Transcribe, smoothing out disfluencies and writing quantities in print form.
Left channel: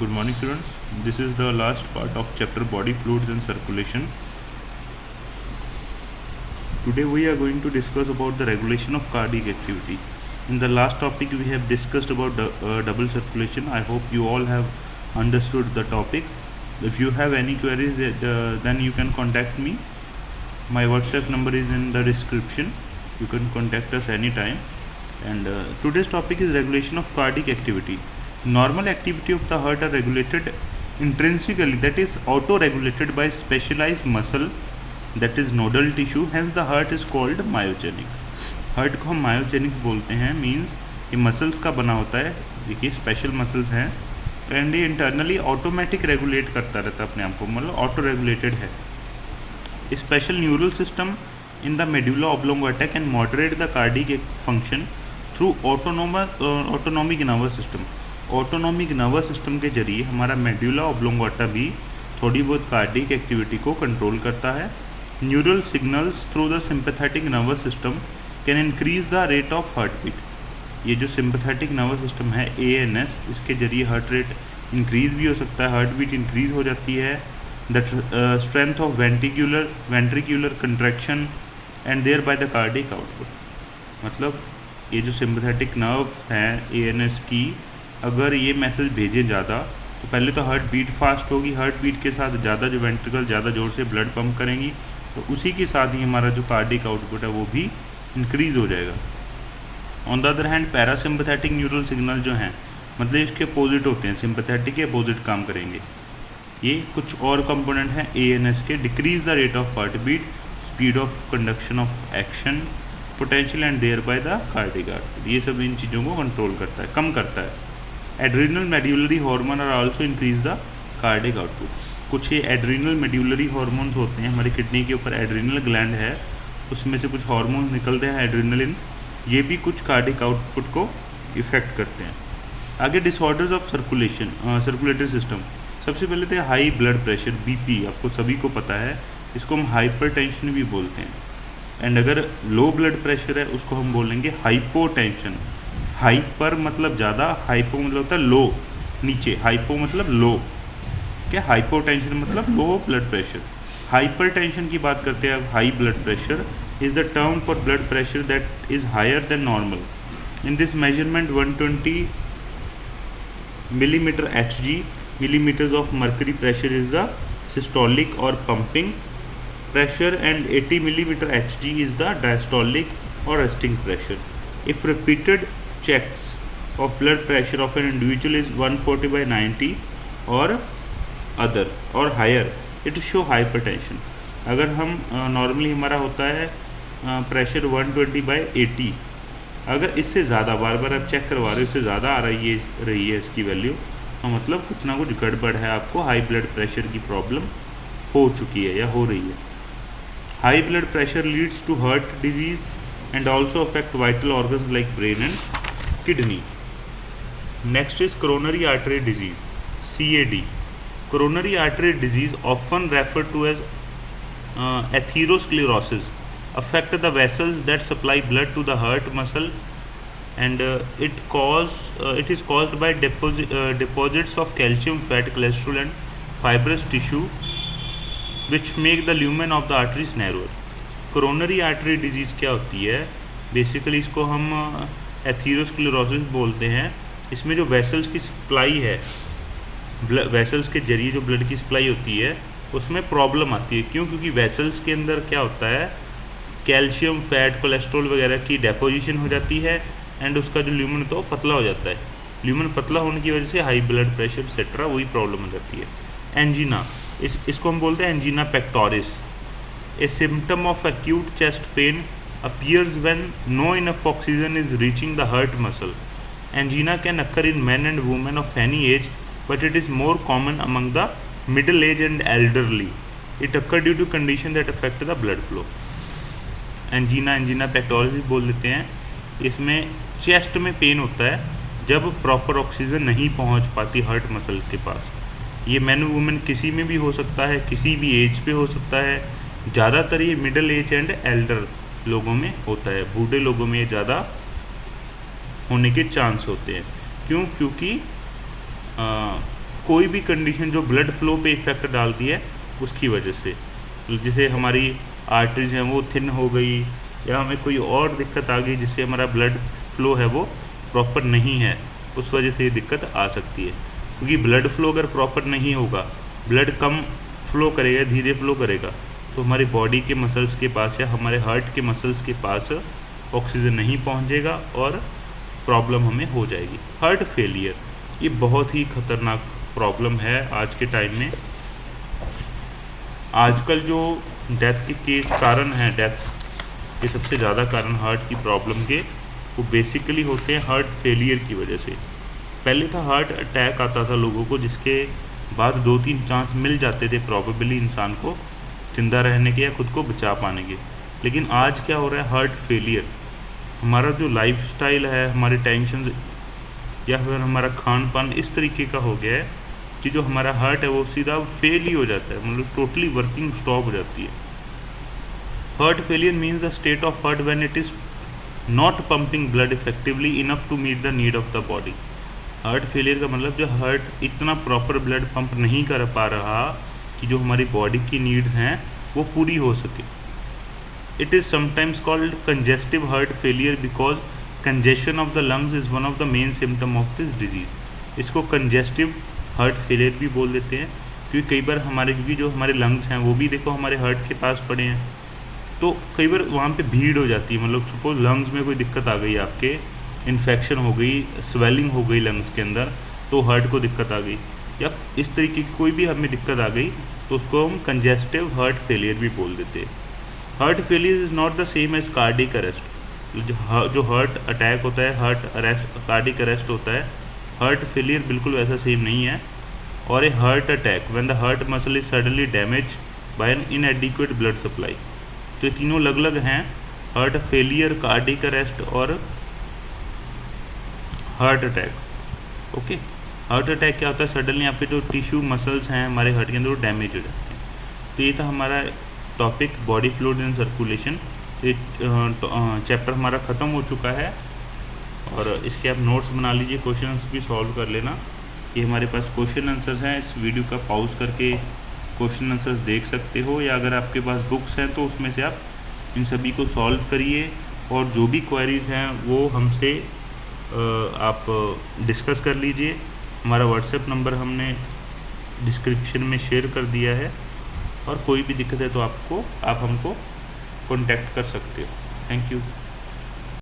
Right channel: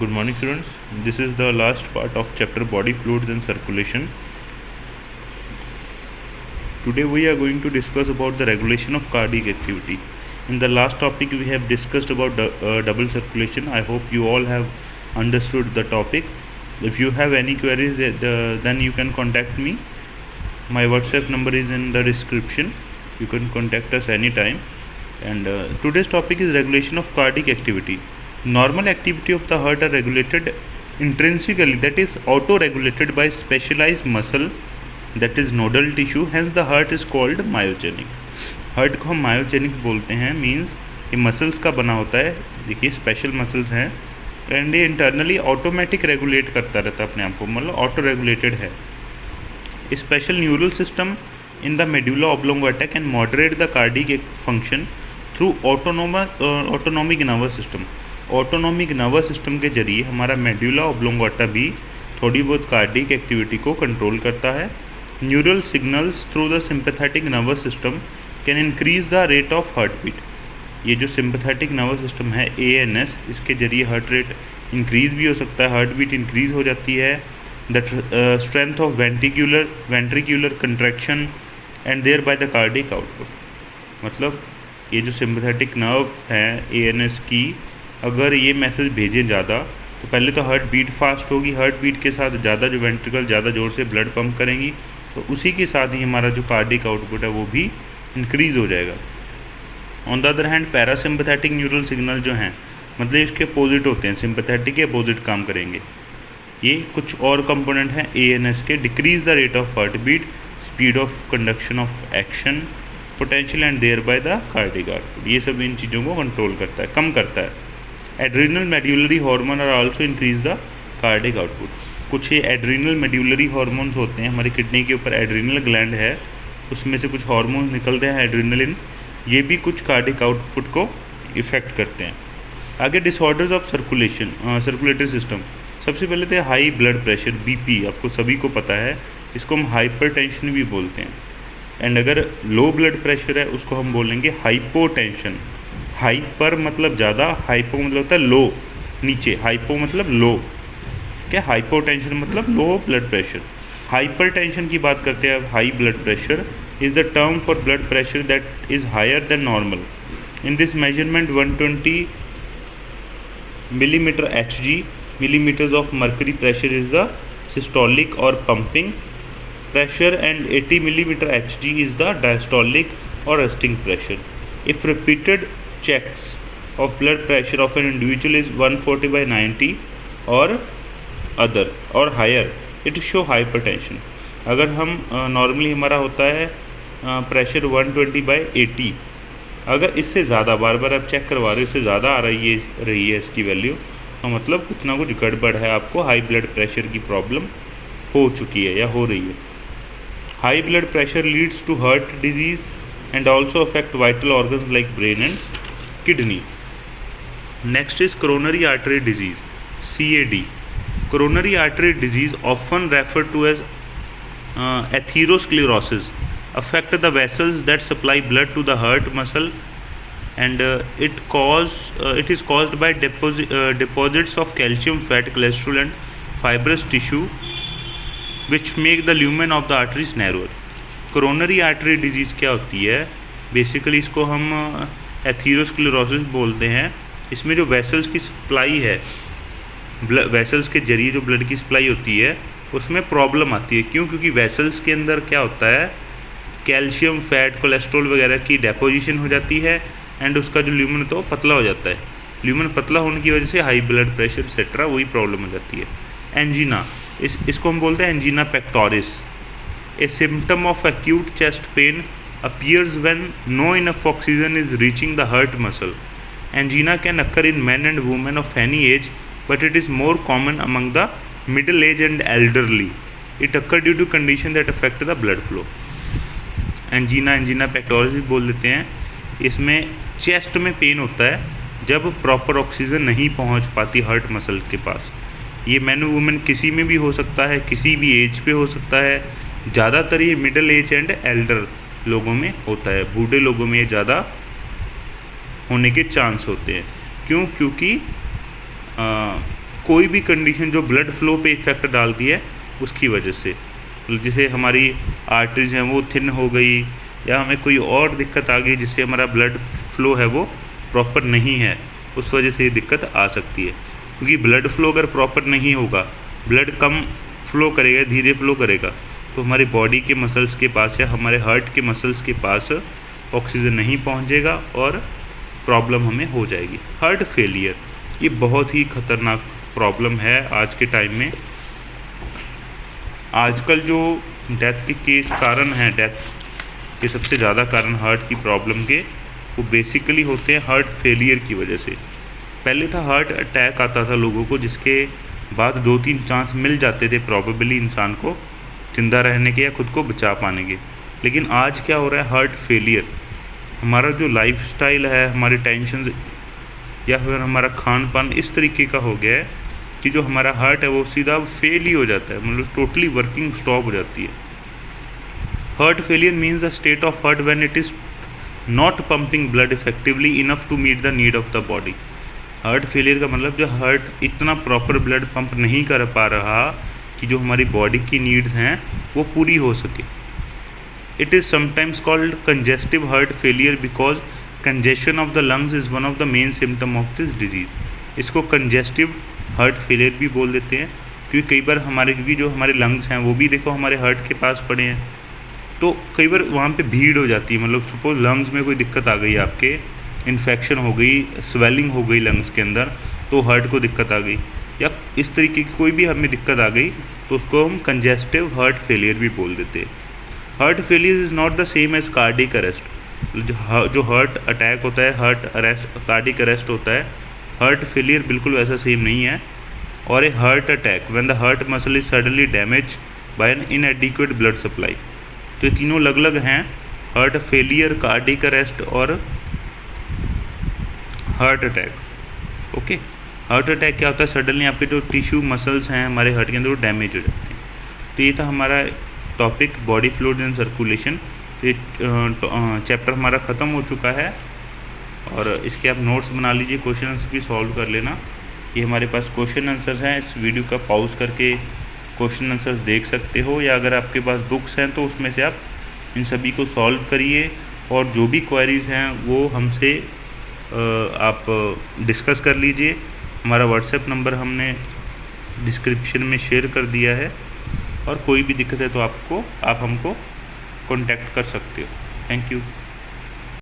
Good morning, students. This is the last part of chapter Body Fluids and Circulation. Today we are going to discuss about the regulation of cardiac activity. In the last topic we have discussed about double circulation. I hope you all have understood the topic. If you have any queries, then you can contact me. My WhatsApp number is in the description. You can contact us anytime. And today's topic is regulation of cardiac activity. Normal activity of the heart are regulated intrinsically, that is auto-regulated by specialized muscle, that is nodal tissue. Hence the heart is called myogenic. Heart को हम myogenic बोलते हैं, means ये muscles का बना होता है. देखिए स्पेशल मसल्स हैं एंड ये इंटरनली ऑटोमेटिक रेगुलेट करता रहता है अपने आप को, मतलब ऑटो रेगुलेटेड है. Special neural system in the medulla oblongata can moderate the cardiac function through autonomic nervous system. Autonomic nervous system के जरिए हमारा मेडुला ऑब्लोंगाटा भी थोड़ी बहुत कार्डियक एक्टिविटी को कंट्रोल करता है. Neural signals through the sympathetic nervous system can increase the rate of heart beat. ये जो सिंपैथेटिक नर्वस सिस्टम है ANS, इसके जरिए हार्ट रेट इंक्रीज़ भी हो सकता है, हार्ट बीट इंक्रीज़ हो जाती है. The strength of ventricular contraction and thereby the cardiac output. मतलब ये जो सिंपैथेटिक नर्व है ANS की, अगर ये मैसेज भेजें ज़्यादा तो पहले तो हार्ट बीट फास्ट होगी, हार्ट बीट के साथ ज़्यादा जो वेंट्रिकल ज़्यादा ज़ोर से ब्लड पंप करेंगी, तो उसी के साथ ही हमारा जो कार्डियक आउटपुट है वो भी इंक्रीज़ हो जाएगा. On the other hand parasympathetic neural signal जो हैं, मतलब इसके अपोजिट होते हैं, सिंपैथेटिक के अपोजिट काम करेंगे. ये कुछ और कंपोनेंट हैं ANS के. Decrease the rate of heart beat, speed of conduction of action, potential and thereby the cardiac output. ये सब इन चीज़ों को कंट्रोल करता है, कम करता है. Adrenal medullary hormone are also increase the cardiac output. कुछ ये एड्रीनल मेड्यूलरी हार्मोन्स होते हैं, हमारी किडनी के ऊपर एड्रीनल ग्लैंड है, उसमें से कुछ हार्मोन्स निकलते हैं एड्रीनलिन, ये भी कुछ कार्डियक आउटपुट को इफ़ेक्ट करते हैं. आगे डिसऑर्डर्स ऑफ सर्कुलेटरी सिस्टम. सबसे पहले तो हाई ब्लड प्रेशर BP, आपको सभी को पता है, इसको हम हाइपरटेंशन भी बोलते हैं. एंड अगर लो ब्लड प्रेशर है उसको हम बोलेंगे हाइपोटेंशन. हाइपर मतलब ज़्यादा, हाइपो मतलब होता है लो, नीचे. हाइपो मतलब लो, क्या हाइपोटेंशन मतलब लो ब्लड प्रेशर. हाइपरटेंशन की बात करते हैं अब. High blood pressure is the term for blood pressure that is higher than normal. In this measurement 120 millimeter Hg, millimeters of mercury pressure is the systolic or pumping pressure, and 80 millimeter Hg is the diastolic or resting pressure. If repeated checks of blood pressure of an individual is 140/90 or other or higher, it show hypertension. अगर हम normally हमारा होता है pressure 120/80, अगर इससे ज़्यादा बार बार आप check करवा रहे हो, इससे ज़्यादा आ रही है इसकी वैल्यू, तो मतलब कुछ ना कुछ गड़बड़ है, आपको हाई ब्लड प्रेशर की प्रॉब्लम हो चुकी है या हो रही है. High blood pressure leads to heart disease and also affect vital organs like brain and kidney. Next is coronary artery disease, CAD. Coronary artery disease often refer to as atherosclerosis affect the vessels that supply blood to the heart muscle, and it is caused by deposits of calcium, fat, cholesterol and fibrous tissue which make the lumen of the arteries narrower. Coronary artery disease क्या होती है? Basically इसको हम atherosclerosis बोलते हैं. इसमें जो vessels की सप्लाई है, वेसल्स के जरिए जो ब्लड की सप्लाई होती है, उसमें प्रॉब्लम आती है. क्यों? क्योंकि वेसल्स के अंदर क्या होता है, कैल्शियम, फैट, कोलेस्ट्रॉल वगैरह की डेपोजिशन हो जाती है एंड उसका जो ल्यूमन होता है वो पतला हो जाता है. ल्यूमन पतला होने की वजह से हाई ब्लड प्रेशर एक्सेट्रा वही प्रॉब्लम हो जाती है. एंजीना, इसको हम बोलते हैं angina pectoris. A symptom of acute chest pain appears when no enough oxygen is reaching the heart muscle. Angina can occur in men and women of any age, but it is more common among the middle age and elderly. It occurs due to conditions that affect the blood flow. Angina pectoris भी बोल देते हैं. इसमें chest में pen होता है जब proper oxygen नहीं पहुंच पाती हार्ट मसल के पास. ये मैन वुमेन किसी में भी हो सकता है, किसी भी एज पे हो सकता है. ज़्यादातर ये मिडिल एज एंड एल्डर लोगों में होता है, बूढ़े लोगों में ये ज़्यादा होने के चांस होते हैं. क्यों? क्योंकि कोई भी कंडीशन जो ब्लड फ्लो पे इफ़ेक्ट डालती है उसकी वजह से, जैसे हमारी आर्टरीज हैं वो थिन हो गई, या हमें कोई और दिक्कत आ गई जिससे हमारा ब्लड फ्लो है वो प्रॉपर नहीं है, उस वजह से ये दिक्कत आ सकती है। क्योंकि ब्लड फ्लो अगर प्रॉपर नहीं होगा, ब्लड कम फ्लो करेगा, धीरे फ्लो करेगा, तो हमारी बॉडी के मसल्स के पास या हमारे हार्ट के मसल्स के पास ऑक्सीजन नहीं पहुंचेगा और प्रॉब्लम हमें हो जाएगी। हार्ट फेलियर ये बहुत ही खतरनाक प्रॉब्लम है आज के टाइम में। आजकल जो डेथ के कारण हैं, डेथ के सबसे ज़्यादा कारण हार्ट की प्रॉब्लम के वो बेसिकली होते हैं हार्ट फेलियर की वजह से। पहले था हार्ट अटैक आता था लोगों को, जिसके बाद 2-3 चांस मिल जाते थे प्रॉबेबली इंसान को जिंदा रहने के या खुद को बचा पाने के। लेकिन आज क्या हो रहा है, हार्ट फेलियर। हमारा जो लाइफस्टाइल है, हमारी टेंशन या फिर हमारा खान पान इस तरीके का हो गया है कि जो हमारा हार्ट है वो सीधा फेल ही हो जाता है, मतलब टोटली वर्किंग स्टॉप हो जाती है। Heart failure means the state of heart when it is not pumping blood effectively enough to meet the need of the body. Heart failure का मतलब जो हार्ट इतना प्रॉपर ब्लड पंप नहीं कर पा रहा कि जो हमारी बॉडी की नीड्स हैं वो पूरी हो सके। It is sometimes called congestive heart failure because congestion of the lungs is one of the main symptom of this disease. इसको कंजेस्टिव हार्ट फेलियर भी बोल देते हैं, क्योंकि कई बार क्योंकि जो हमारे लंग्स हैं वो भी देखो हमारे हार्ट के पास पड़े हैं, तो कई बार वहाँ पे भीड़ हो जाती है। मतलब सपोज लंग्स में कोई दिक्कत आ गई, आपके इन्फेक्शन हो गई, स्वेलिंग हो गई लंग्स के अंदर, तो हार्ट को दिक्कत आ गई, या इस तरीके की कोई भी हमें दिक्कत आ गई तो उसको हम कंजेस्टिव हार्ट फेलियर भी बोल देते हैं। Heart failure is not the same as cardiac arrest. जो हार्ट अटैक होता है, हार्ट अरेस्ट, कार्डिक अरेस्ट होता है, हार्ट फेलियर बिल्कुल वैसा सेम नहीं है। और a heart attack when the heart muscle is suddenly damage by an inadequate blood supply. तो ये तीनों अलग अलग हैं, हार्ट फेलियर, कार्डिक अरेस्ट और heart attack. Okay, heart attack क्या होता है, सडनली आपके जो टिश्यू मसल्स हैं हमारे हार्ट के अंदर वो डैमेज हो जाते हैं। तो ये था हमारा topic body fluid and circulation. तो ये चैप्टर हमारा ख़त्म हो चुका है और इसके आप नोट्स बना लीजिए, क्वेश्चन आंसर भी सॉल्व कर लेना। ये हमारे पास क्वेश्चन आंसर्स हैं, इस वीडियो का पॉज करके क्वेश्चन आंसर्स देख सकते हो, या अगर आपके पास बुक्स हैं तो उसमें से आप इन सभी को सॉल्व करिए और जो भी क्वेरीज़ हैं वो हमसे आप डिस्कस कर लीजिए। हमारा व्हाट्सएप नंबर हमने डिस्क्रिप्शन में शेयर कर दिया है, और कोई भी दिक्कत है तो आप हमको कांटेक्ट कर सकते हो। Thank you.